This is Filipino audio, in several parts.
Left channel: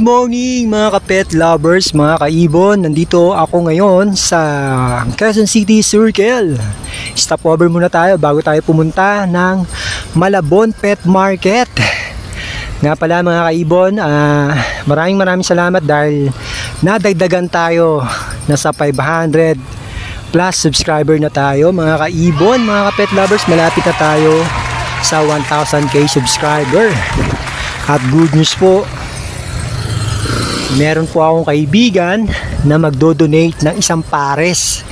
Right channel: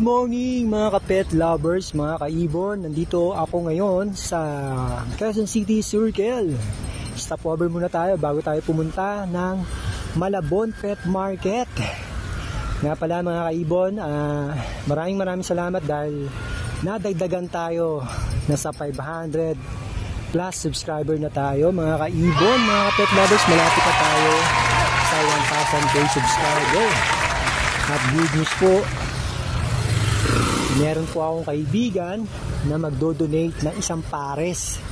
Good morning mga ka-pet lovers, mga kaibon. Nandito ako ngayon sa Quezon City Circle. Stopover muna tayo bago tayo pumunta ng Malabon Pet Market. Nga pala mga kaibon, maraming salamat dahil nadagdagan tayo. Nasa 500 plus subscriber na tayo mga kaibon, mga ka-pet lovers. Malapit na tayo sa 1,000k subscriber. At good news po, meron po akong kaibigan na magdo-donate ng isang pares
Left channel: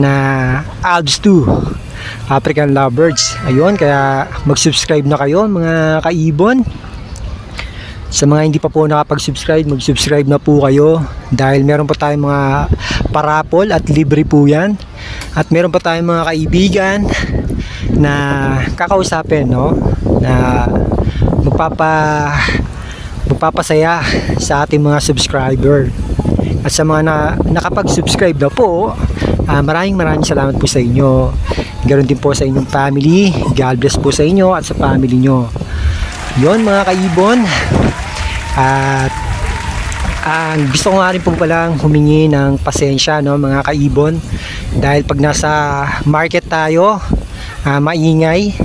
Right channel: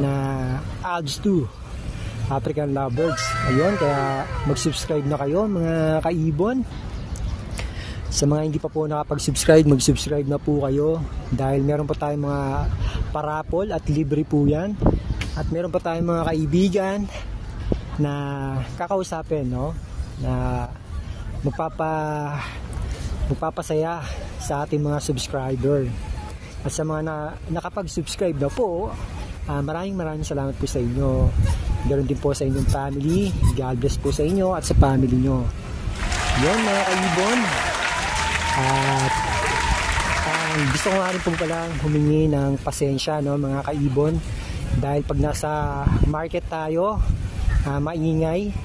na Alps 2 African Lovebirds. Ayun, kaya mag-subscribe na kayo mga kaibon. Sa mga hindi pa po nakapag-subscribe, mag-subscribe na po kayo dahil meron pa tayong mga parapol at libre po yan. At meron pa tayong mga kaibigan na kakausapin, no? Na magpapasaya sa ating mga subscriber. At sa mga nakapag-subscribe na po, maraming salamat po sa inyo. Ganoon din po sa inyong family. God bless po sa inyo at sa family nyo. Yun mga kaibon. At gusto ko nga rin po palang humingi ng pasensya, no, mga kaibon, dahil pag nasa market tayo, maingay.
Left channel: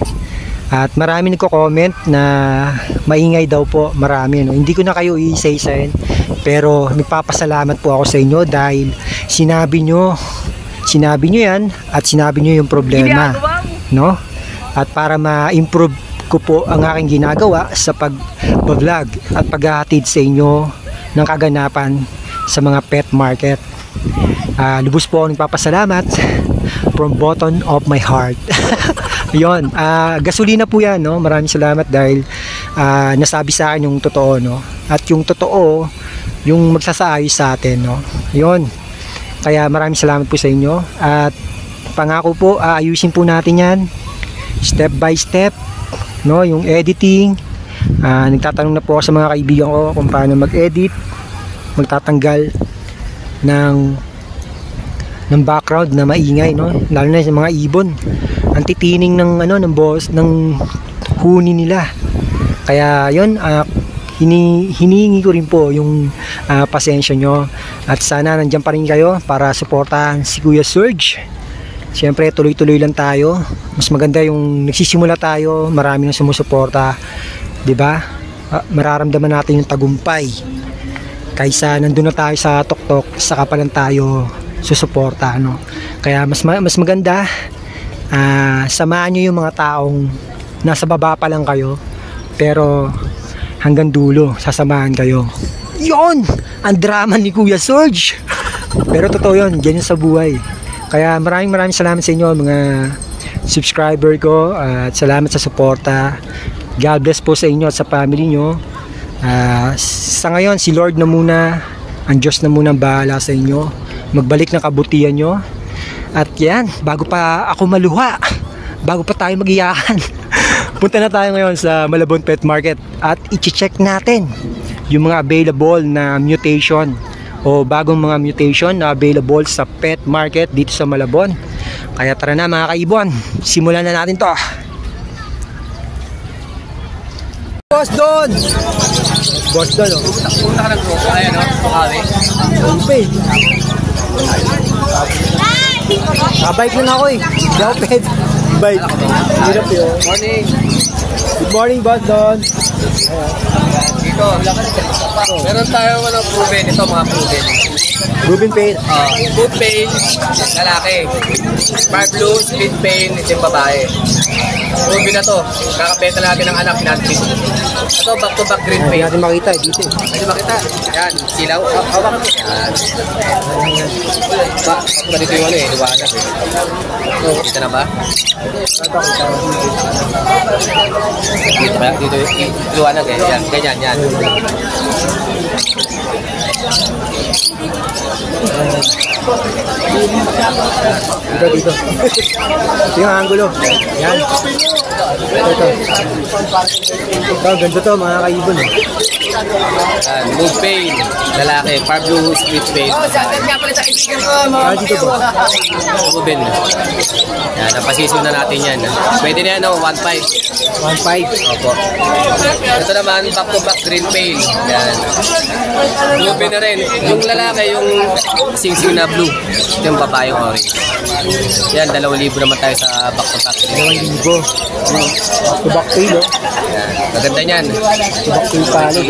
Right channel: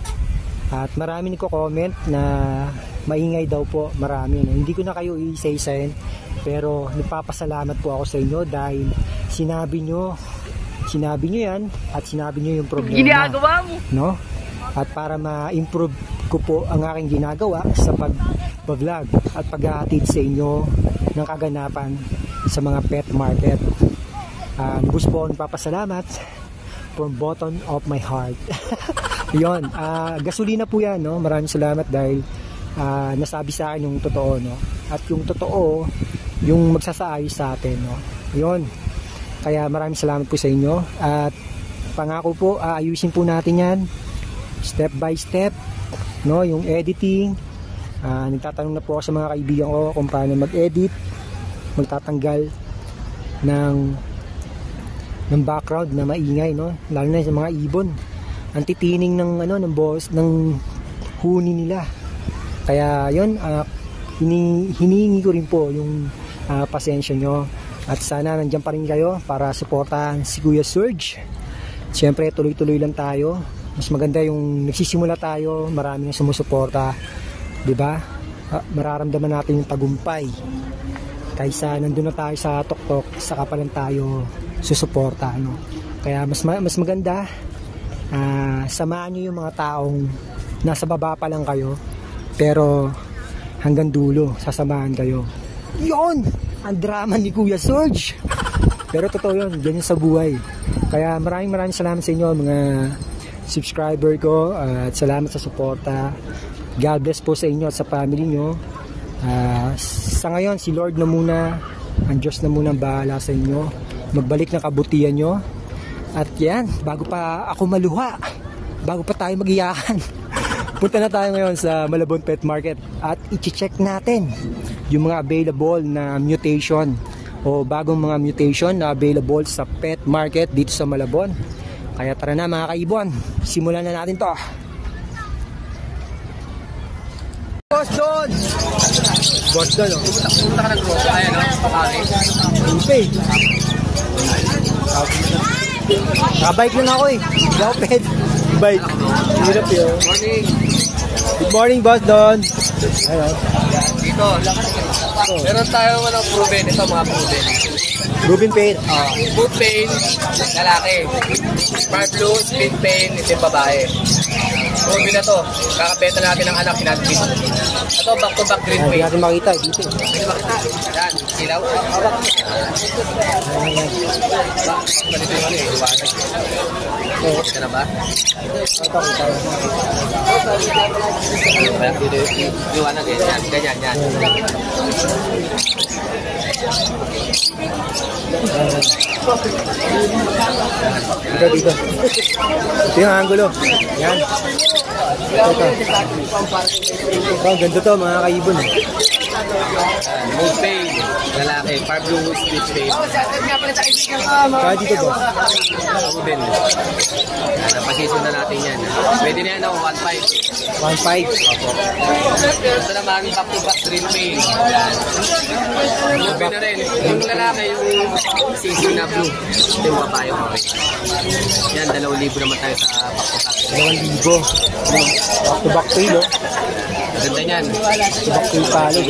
At marami nagko-comment na maingay daw po, marami, no? Hindi ko na kayo i-say-sign, pero nagpapasalamat po ako sa inyo dahil sinabi nyo yan at sinabi nyo yung problema, no? At para ma-improve ko po ang aking ginagawa sa pag-vlog at paghahatid sa inyo ng kaganapan sa mga pet market. Lubos po ako nagpapasalamat from bottom of my heart. Yun, gasolina po yan, no? Maraming salamat dahil nasabi sa akin yung totoo, no? At yung totoo, yung magsasaayos sa atin, no? Yun, kaya maraming salamat po sa inyo. At pangako po, ayusin po natin yan step by step, no? Yung editing, nagtatanong na po ako sa mga kaibigan ko kung paano mag-edit, magtatanggal ng background na maingay, no? Lalo na sa mga ibon, ang titining ng boss ng huni nila. Kaya yun, hinihingi ko rin po yung pasensya nyo at sana nandiyan pa rin kayo para suportahan si Kuya Serge. Siyempre tuloy-tuloy lang tayo. Mas maganda yung nagsisimula tayo, marami nang sumusuporta, 'di ba? Mararamdaman natin yung tagumpay kaysa nandun na tayo sa tuktok, saka pa lang tayo susuporta, no? Kaya mas maganda, samahan nyo yung mga taong nasa baba pa lang kayo, pero hanggang dulo sasamahan kayo. Yon, ang drama ni Kuya Serge. Pero totoo yun, ganyan sa buhay. Kaya maraming salamat sa inyo mga subscriber ko, at salamat sa suporta. God bless po sa inyo at sa family nyo. Sa ngayon, si Lord na muna, ang Diyos na muna bahala sa inyo. Magbalik ng kabutihan nyo. At yan, bago pa ako maluha, bago pa tayo mag-iyakan, punta na tayo ngayon sa Malabon Pet Market at i-check natin yung mga available na mutation o bagong mga mutation na available sa pet market dito sa Malabon. Kaya tara na mga kaibon, simulan na natin to. Boss Don! Boss Don, oh. Punta ka na to. Ayun, okay. Bike na ako eh. Goped. Bike. Morning. Good morning, Boss Don. Meron tayo proven ito, mga proven. Proven pain. Book pain, lalaki. Smart blue, split pain, itim babae. Proven na to. Kakabenta natin ng anak natin. Ito, back-to-back green pain. Hindi natin makita dito. Hindi makita. Yan, silaw. Hawa kami. Ganito yung liwanag eh. Dito na ba? Dito ba? Dito yung liwanag eh. Yan, ganyan, yan. Dito. Ito yung angulo. Yan. Ito, ganda to mga kaibon. Move pain, lalaki. Far blue split pain. Shoutout nga pala sa kaibigan ko, mga Ruben. Yan, napasisyon na natin yan. Pwede na yan, 1.5. 1.5. Opo. Ito naman, back-to-back green pain. Yan. Ruben na rin. Yung lalaki, yung sing-sing na blue. Ito yung babae orange. Yan, 2,000 naman tayo sa back-to-back green pain. 2,000. Back to no? Maganda niyan. Back to palo.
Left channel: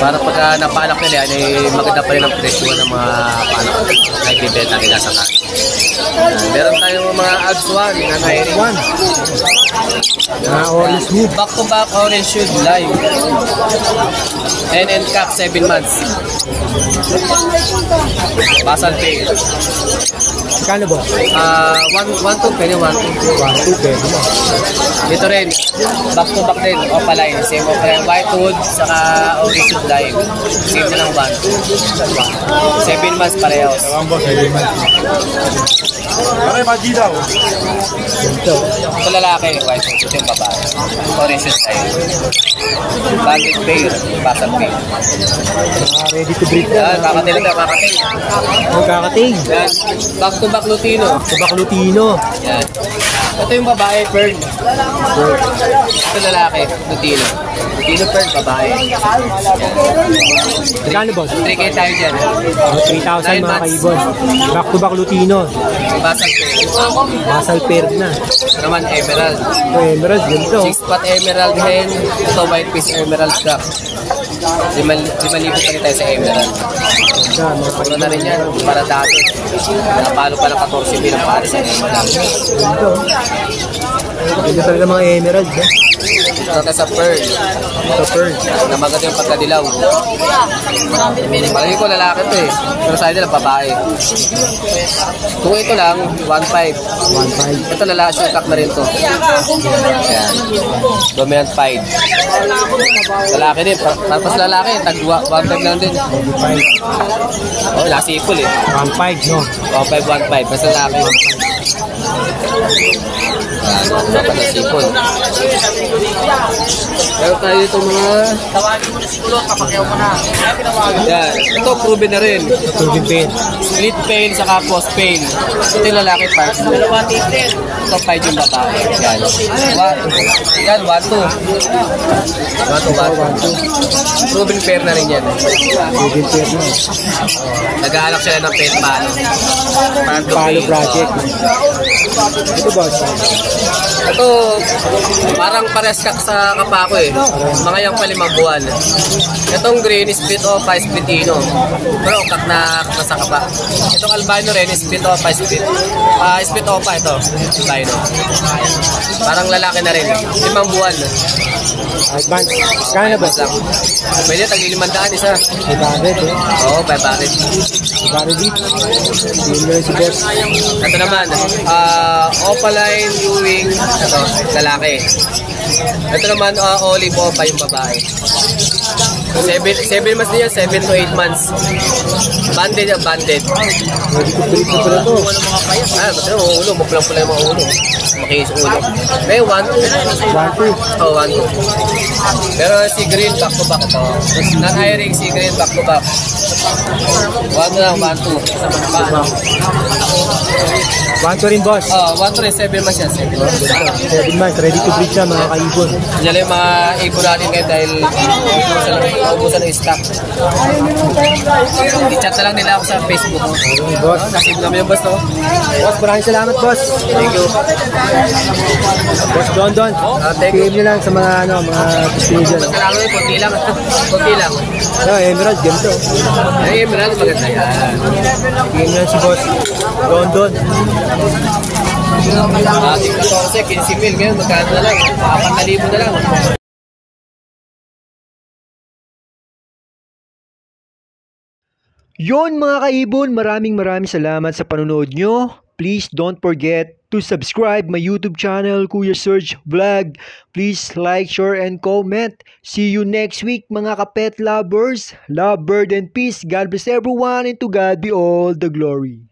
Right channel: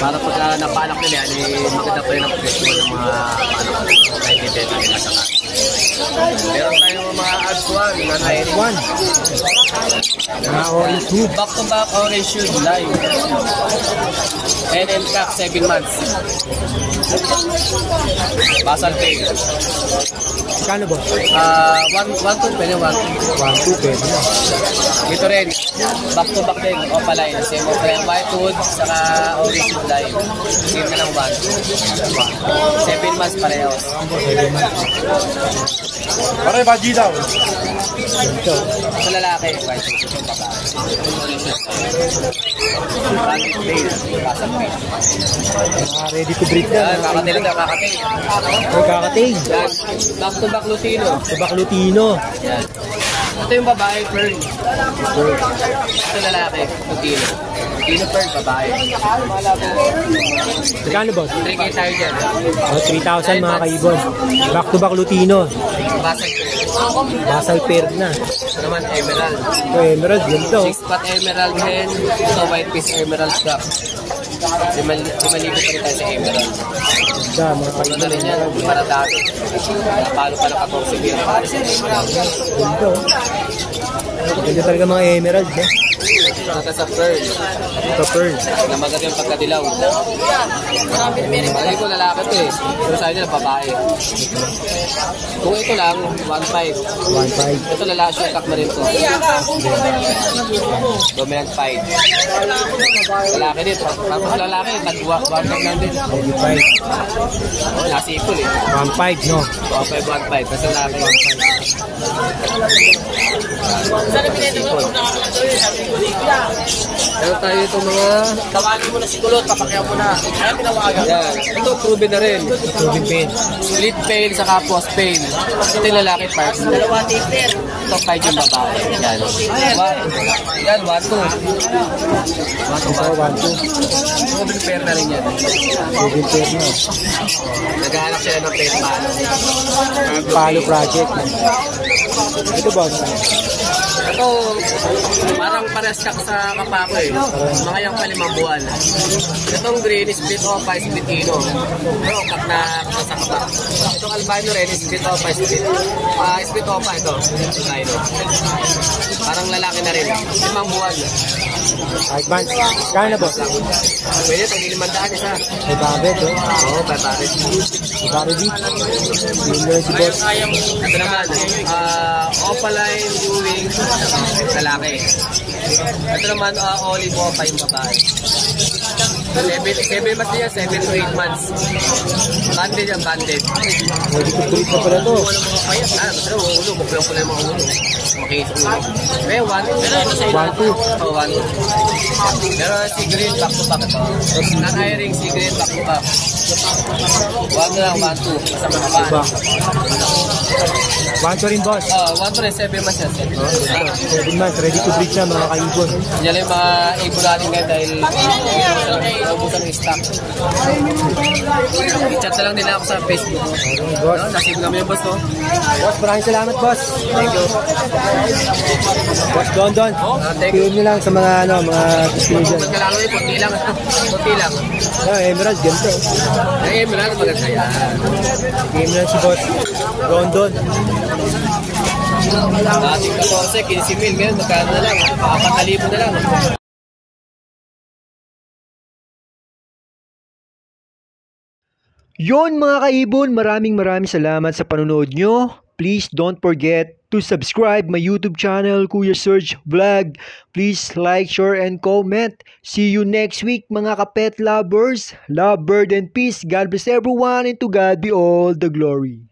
Para pagka napaanak nila yan, maganda pa rin ang presyo ng mga naibibenta nila sa kanin. Meron tayong mga Alps 1 na nairing. Orange hoop. Back to back orange should live. And cap 7 months. Basal tail. Kano boss? 1-2 pwede 1-2. 1.2 pero mo. Ito rin, back to back din, opaline. Same opaline, white hood, saka orange should live. Same na lang 1-2. 7 months pareho. Okay, baji daw. Ito lalaki, white hood. Ito yung babae. Orange should live. Bandit bear, basal tail. Ready to breed na. Kakatil na, kakatil. Ang kakating. Yan, back to back Lutino. Back Lutino. Yan. Ito yung babae, Fern. Ito lalaki, Lutino. Lutino Fern, babae. Kano boss? 3K tayo dyan. 3,000 mga kaibon. Back to back Lutino. Basal pair. Basal pair na. Ito naman, emerald. Emerald yun to. 6-spot emerald hen. Ito, white piece emerald cup. 5,000 pa rin tayo sa emerald. Mura na rin yan. Para dati. Nakapalo pa ng 14,000 ang pare sa emerald. Ito talaga mga emerald. Ito sa pearl. Na maganda yung pagkadilaw. Palagi ko lalaki to eh. Pero sa nila babae. Kung ito lang, 1.5. 1.5. Ito lalaki, short cup na rin to. Ayan. Dominant 5. Lalaki din. Tapos lalaki, tagwa. 1.5 lang din. Oh, nasipol eh. 1.5 no? Oh, 5.1.5. Tapos lalaki. Nasipol. Meron tayo dito mga... Tawagin mo na si Kulot, kapakyaw mo na. Kaya tinawagan. Yan. Ito, proven na rin. Tubig pain. Split pain, saka post pain. Ito yung lalaki part. Dalawa titer. Ito, 5 yung babae. Yan. Yan, 1-2. 1-2. Proven pair na rin yan. Tubig pain no? Nag-aanap sila ng pair paano. Pablo Palo pain. project. Ito boss. Ito, parang pares ka sa kapako eh. Mga yung pa 5 buwan. Itong green is split opa, split ino. Pero kak na sa kapa. Itong albino rin is split opa, split. Split opa ito, albino. Parang lalaki na rin. 5 buwan. Advance. Kano boss? Lang. Pwede, tag-500 isa. 500. Oo, 500. 500. Ito naman, opaline, Ewing, ito, lalaki. Ito naman, olive opa yung babae. 7 months din yan, 7 to 8 months. Banded yan, banded. Basta yung ulo, buklang pula yung mga ulo. Makinis yung ulo. May 1-2. 1.2. Oh, 1-2. Pero si Green, back to back ito. Non-hiring si Green, back to back. 1 lang, 1-2. Kasama na ba? 1.2 rin boss. 1-2 rin, 7 months yan, 7 months. 7 months. Ready to breed na mga kaibon. Yan lang yung mga ibon natin ngayon dahil ubusan ng stock. I-chat na lang nila ako sa Facebook. Boss. Nakib namin yung boss, no? Boss, maraming salamat boss. Thank you. Boss Don Don. Thank you. PM nyo lang sa mga studio. Kailangan yun, konti lang. Konti lang. Emerald, yun to. Ay, Emerald, maganda yan. PM nyo si boss Don Don. Ating 14, 15,000. Ngayon, magkano na lang? 4,000 na lang. Yon mga kaibon, maraming salamat sa panonood nyo. Please don't forget to subscribe my YouTube channel, Kuya Serge Vlog. Please like, share, and comment. See you next week mga kapet lovers. Love, bird, and peace. God bless everyone, and to God be all the glory.